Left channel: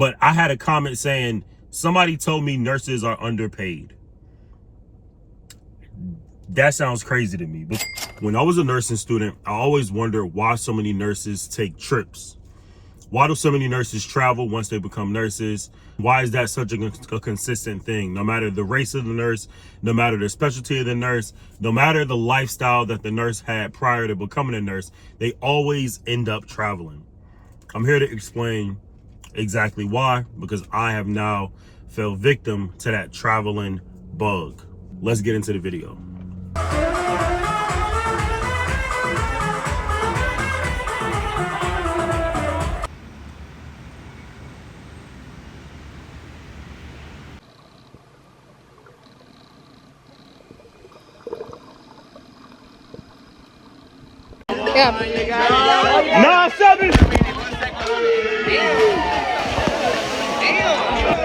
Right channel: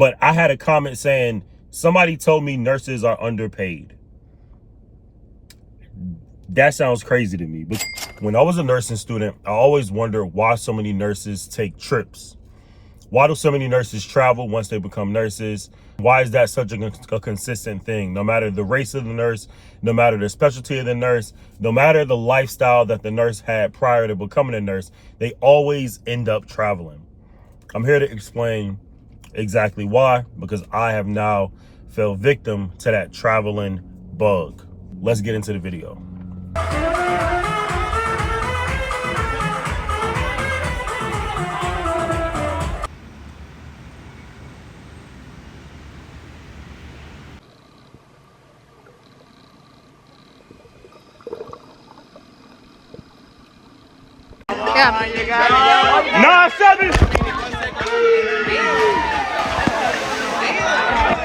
But I had a comment saying, somebody told me nurses are underpaid. That sounds crazy to me. But when I was a nursing student, I always wondered why so many nurses take trips. Why do so many nurses travel once they become nurses? Why is that such a consistent thing? No matter the race of the nurse, no matter the specialty of the nurse, no matter the lifestyle that the nurse had prior to becoming a nurse, they always end up traveling. I'm here to explain exactly why, because I have now fell victim to that traveling bug. Let's get into the video. Yeah. 9-7.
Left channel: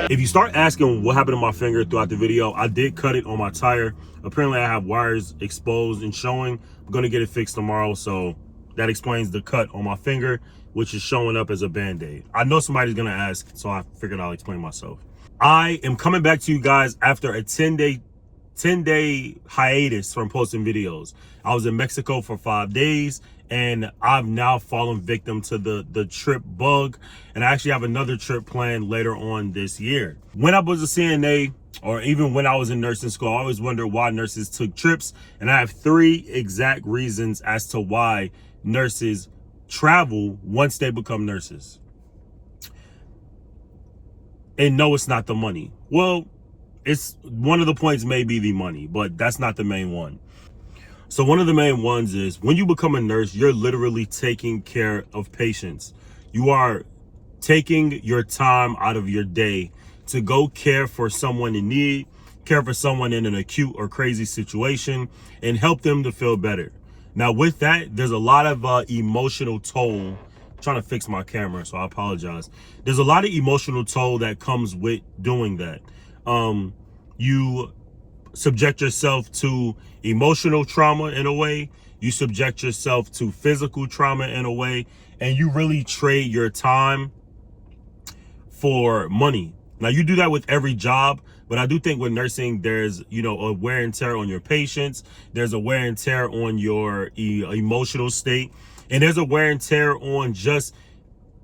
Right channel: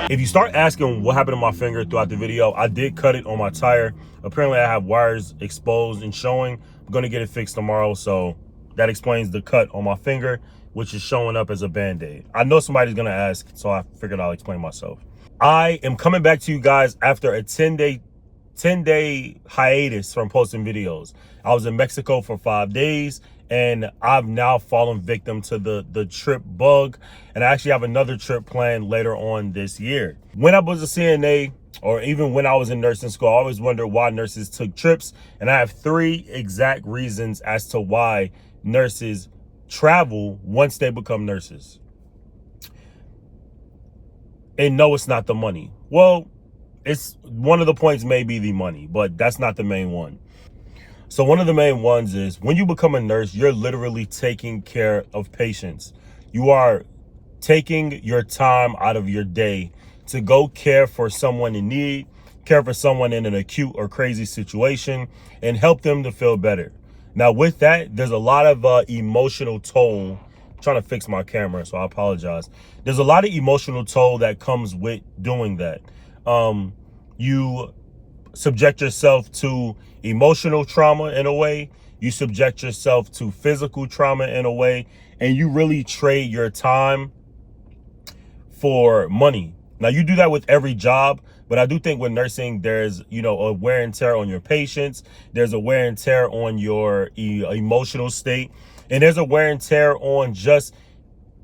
If you start asking what happened to my finger throughout the video, I did cut it on my tire. Apparently I have wires exposed and showing. I'm gonna get it fixed tomorrow, so that explains the cut on my finger, which is showing up as a band-aid. I know somebody's gonna ask, so I figured I'll explain myself. I am coming back to you guys after a 10-day hiatus from posting videos. I was in Mexico for 5 days, and I've now fallen victim to the trip bug, and I actually have another trip planned later on this year. When I was a CNA, or even when I was in nursing school, I always wondered why nurses took trips, and I have 3 exact reasons as to why nurses travel once they become nurses. And no, it's not the money. Well, it's one of the points may be the money, but that's not the main one. So one of the main ones is when you become a nurse, you're literally taking care of patients. You are taking your time out of your day to go care for someone in need, care for someone in an acute or crazy situation, and help them to feel better. Now with that, there's a lot of emotional toll. I'm trying to fix my camera, so I apologize. There's a lot of emotional toll that comes with doing that. You subject yourself to emotional trauma in a way, you subject yourself to physical trauma in a way, and you really trade your time for money. Now you do that with every job, but I do think with nursing, there's, a wear and tear on your patients. There's a wear and tear on your emotional state, and there's a wear and tear on just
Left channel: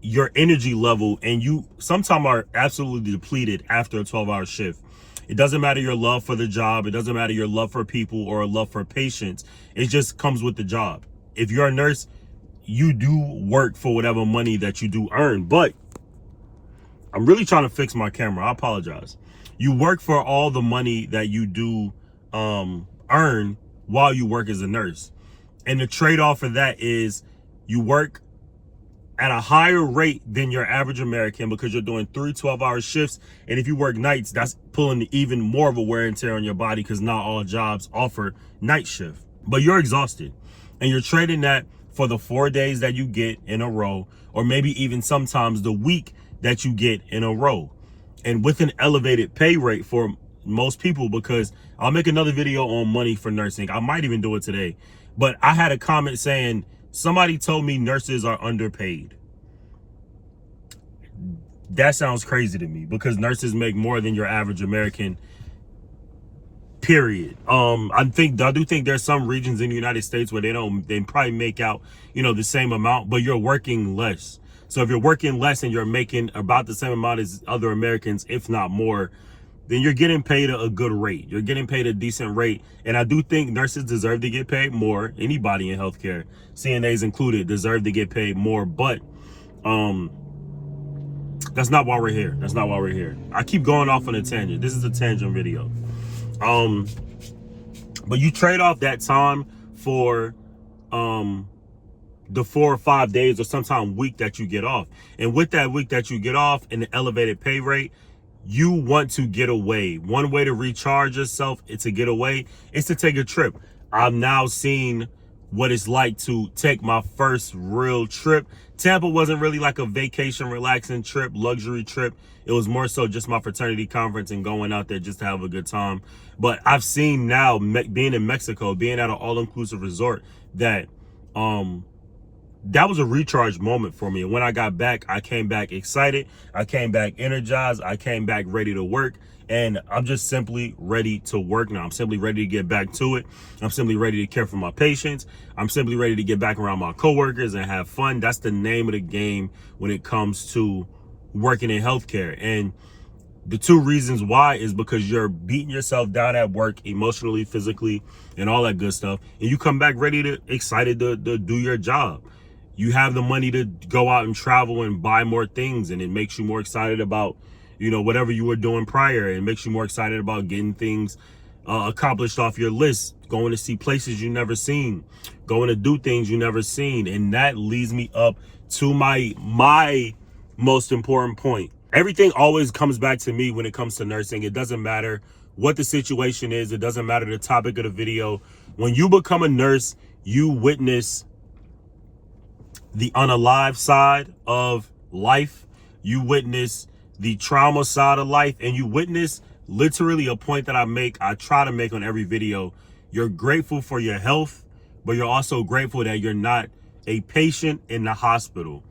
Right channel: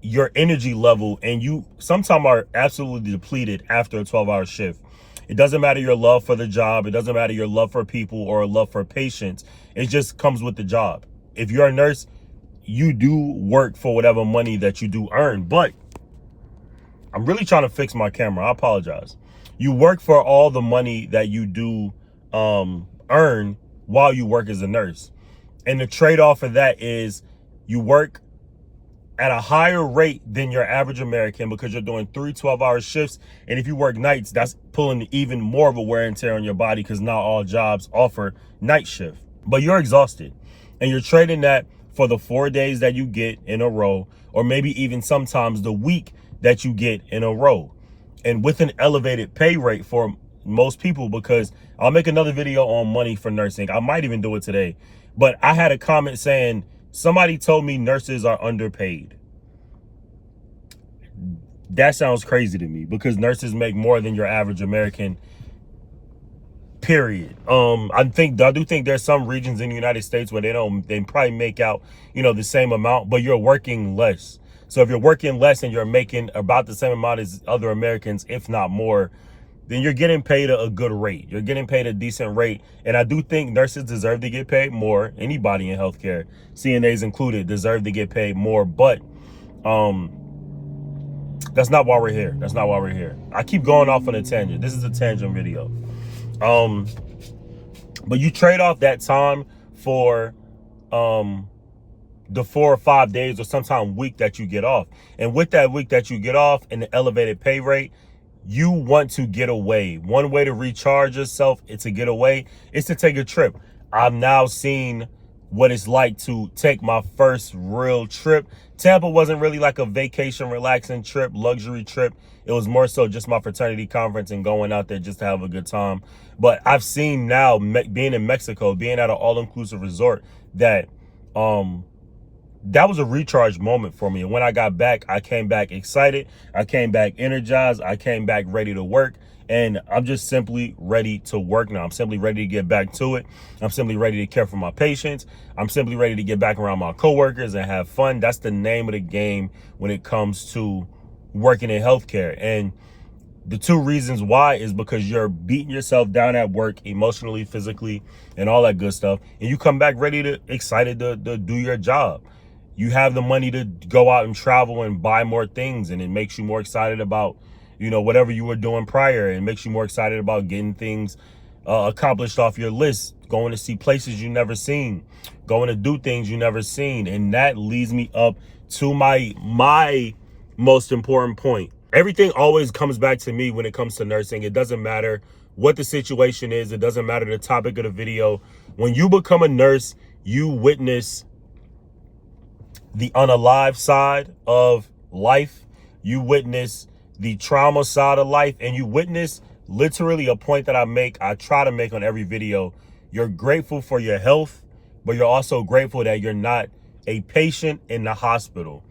your energy level. And you sometimes are absolutely depleted after a 12-hour shift. It doesn't matter your love for the job. It doesn't matter your love for people or love for patients. It just comes with the job. If you're a nurse, you do work for whatever money that you do earn. But I'm really trying to fix my camera. I apologize. You work for all the money that you do earn while you work as a nurse. And the trade-off for that is you work at a higher rate than your average American because you're doing 3 12-hour shifts. And if you work nights, that's pulling even more of a wear and tear on your body because not all jobs offer night shift. But you're exhausted, and you're trading that for the 4 days that you get in a row, or maybe even sometimes the week that you get in a row. And with an elevated pay rate for most people, because I'll make another video on money for nursing. I might even do it today. But I had a comment saying, somebody told me nurses are underpaid. That sounds crazy to me because nurses make more than your average American, period. I do think there's some regions in the United States where they probably make out, the same amount, but you're working less. So if you're working less and you're making about the same amount as other Americans, if not more, then you're getting paid a good rate. You're getting paid a decent rate. And I do think nurses deserve to get paid more. Anybody in healthcare, CNAs included, deserve to get paid more. But that's not why we're here. That's not why we're here. I keep going off on a tangent. This is a tangent video. But you trade off that time for the 4 or 5 days or sometime week that you get off. And with that week that you get off and the elevated pay rate, you want to get away. One way to recharge yourself is to get away, is to take a trip. I've now seen what it's like to take my first real trip. Tampa wasn't really like a vacation, relaxing trip, luxury trip. It was more so just my fraternity conference and going out there just to have a good time. But I've seen now, being in Mexico, being at an all-inclusive resort, that that was a recharge moment for me. And when I got back, I came back excited. I came back energized. I came back ready to work. And I'm just simply ready to work now. I'm simply ready to get back to it. I'm simply ready to care for my patients. I'm simply ready to get back around my coworkers and have fun. That's the name of the game when it comes to working in healthcare. And the two reasons why is because you're beating yourself down at work emotionally, physically, and all that good stuff. And you come back excited to do your job. You have the money to go out and travel and buy more things, and it makes you more excited about, whatever you were doing prior. It makes you more excited about getting things accomplished off your list, going to see places you never seen, going to do things you never seen. And that leads me up to my most important point. Everything always comes back to me when it comes to nursing. It doesn't matter what the situation is. It doesn't matter the topic of the video. When you become a nurse, you witness the unalive side of life. You witness the trauma side of life, and you witness literally a point that I try to make on every video. You're grateful for your health, but you're also grateful that you're not a patient in the hospital.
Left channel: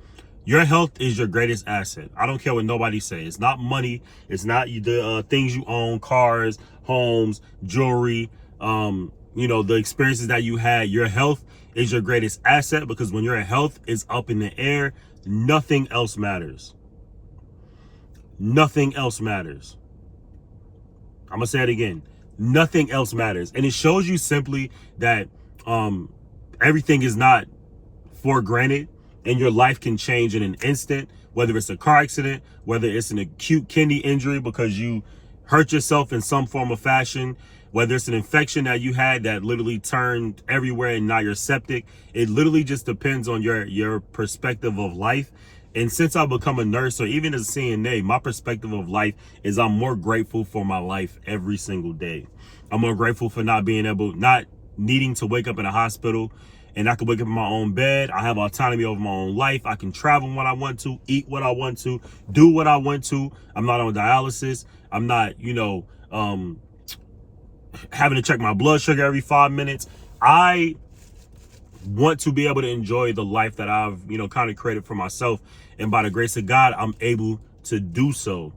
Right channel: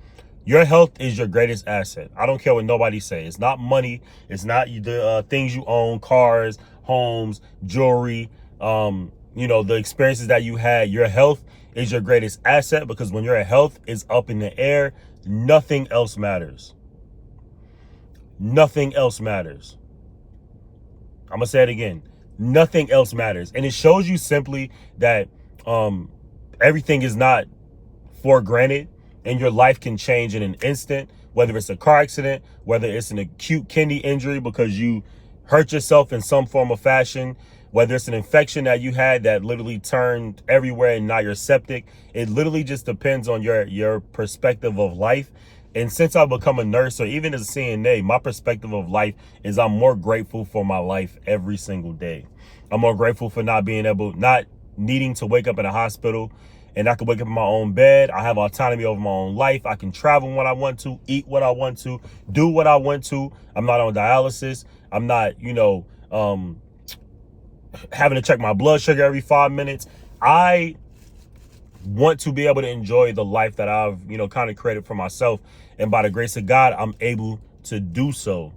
Your health is your greatest asset. I don't care what nobody says. It's not money. It's not the things you own, cars, homes, jewelry, the experiences that you had. Your health is your greatest asset, because when your health is up in the air, nothing else matters. Nothing else matters. I'm going to say it again. Nothing else matters. And it shows you simply that everything is not for granted, and your life can change in an instant, whether it's a car accident, whether it's an acute kidney injury because you hurt yourself in some form or fashion, whether it's an infection that you had that literally turned everywhere and now you're septic. It literally just depends on your perspective of life. And since I've become a nurse, or even as a CNA, my perspective of life is I'm more grateful for my life every single day. I'm more grateful for not needing to wake up in a hospital, and I can wake up in my own bed. I have autonomy over my own life. I can travel when I want to, eat what I want to, do what I want to. I'm not on dialysis. I'm not, having to check my blood sugar every 5 minutes. I want to be able to enjoy the life that I've, kind of created for myself. And by the grace of God, I'm able to do so.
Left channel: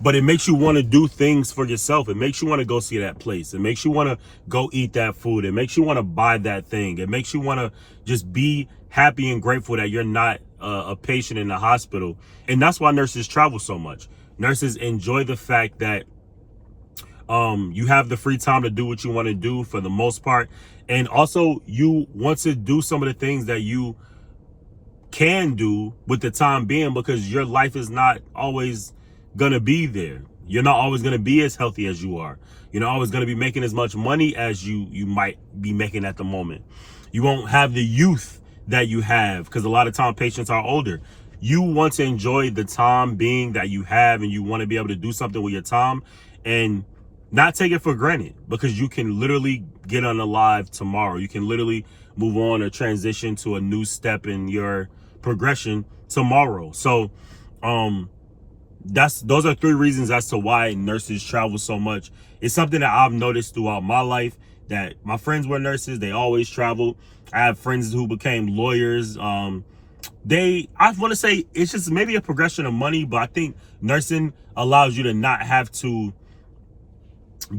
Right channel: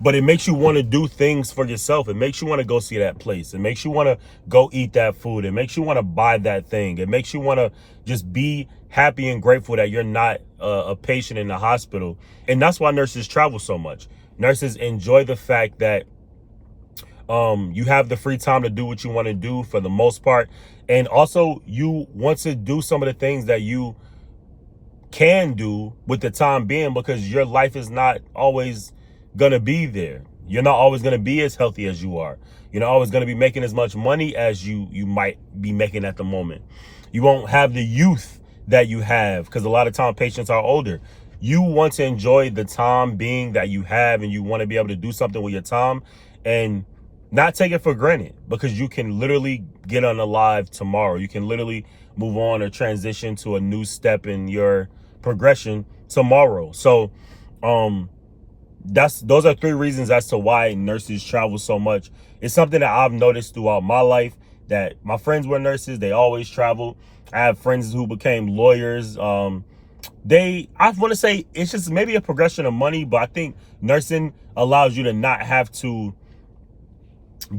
But it makes you want to do things for yourself. It makes you want to go see that place. It makes you want to go eat that food. It makes you want to buy that thing. It makes you want to just be happy and grateful that you're not a patient in the hospital. And that's why nurses travel so much. Nurses enjoy the fact that you have the free time to do what you want to do for the most part. And also you want to do some of the things that you can do with the time being, because your life is not always going to be there. You're not always going to be as healthy as you are. You're not always going to be making as much money as you might be making at the moment. You won't have the youth that you have, because a lot of time patients are older. You want to enjoy the time being that you have, and you want to be able to do something with your time and not take it for granted, because you can literally get unalive tomorrow. You can literally move on or transition to a new step in your progression tomorrow. So those are three reasons as to why nurses travel so much. It's something that I've noticed throughout my life, that my friends were nurses. They always traveled. I have friends who became lawyers. I want to say it's just maybe a progression of money, but I think nursing allows you to not have to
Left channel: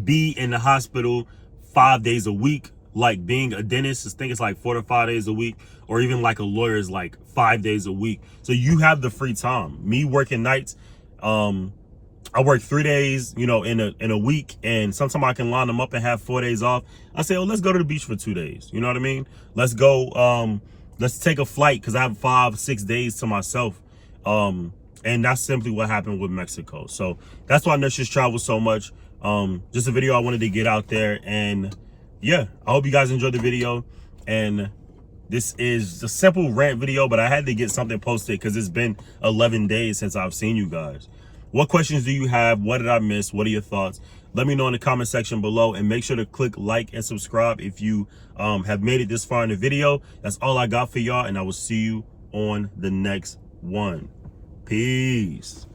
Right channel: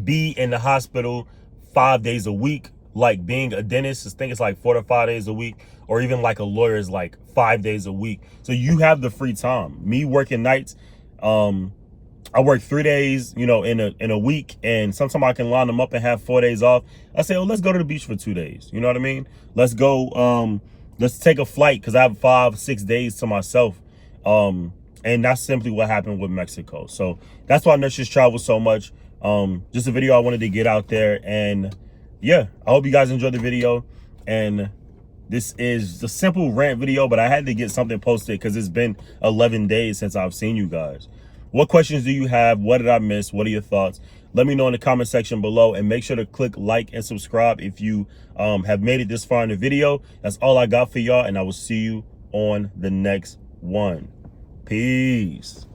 be in the hospital 5 days a week. Like being a dentist, I think it's like 4 to 5 days a week, or even like a lawyer is like 5 days a week. So you have the free time. Me working nights, I work 3 days, in a week, and sometimes I can line them up and have 4 days off. I say, oh, let's go to the beach for 2 days. You know what I mean? Let's go, let's take a flight, because I have 5-6 days to myself. And that's simply what happened with Mexico. So that's why nurses travel so much. Just a video I wanted to get out there, and yeah, I hope you guys enjoyed the video. And this is a simple rant video, but I had to get something posted because it's been 11 days since I've seen you guys. What questions do you have? What did I miss? What are your thoughts? Let me know in the comment section below, and make sure to click like and subscribe if you have made it this far in the video. That's all I got for y'all, and I will see you on the next one. Peace.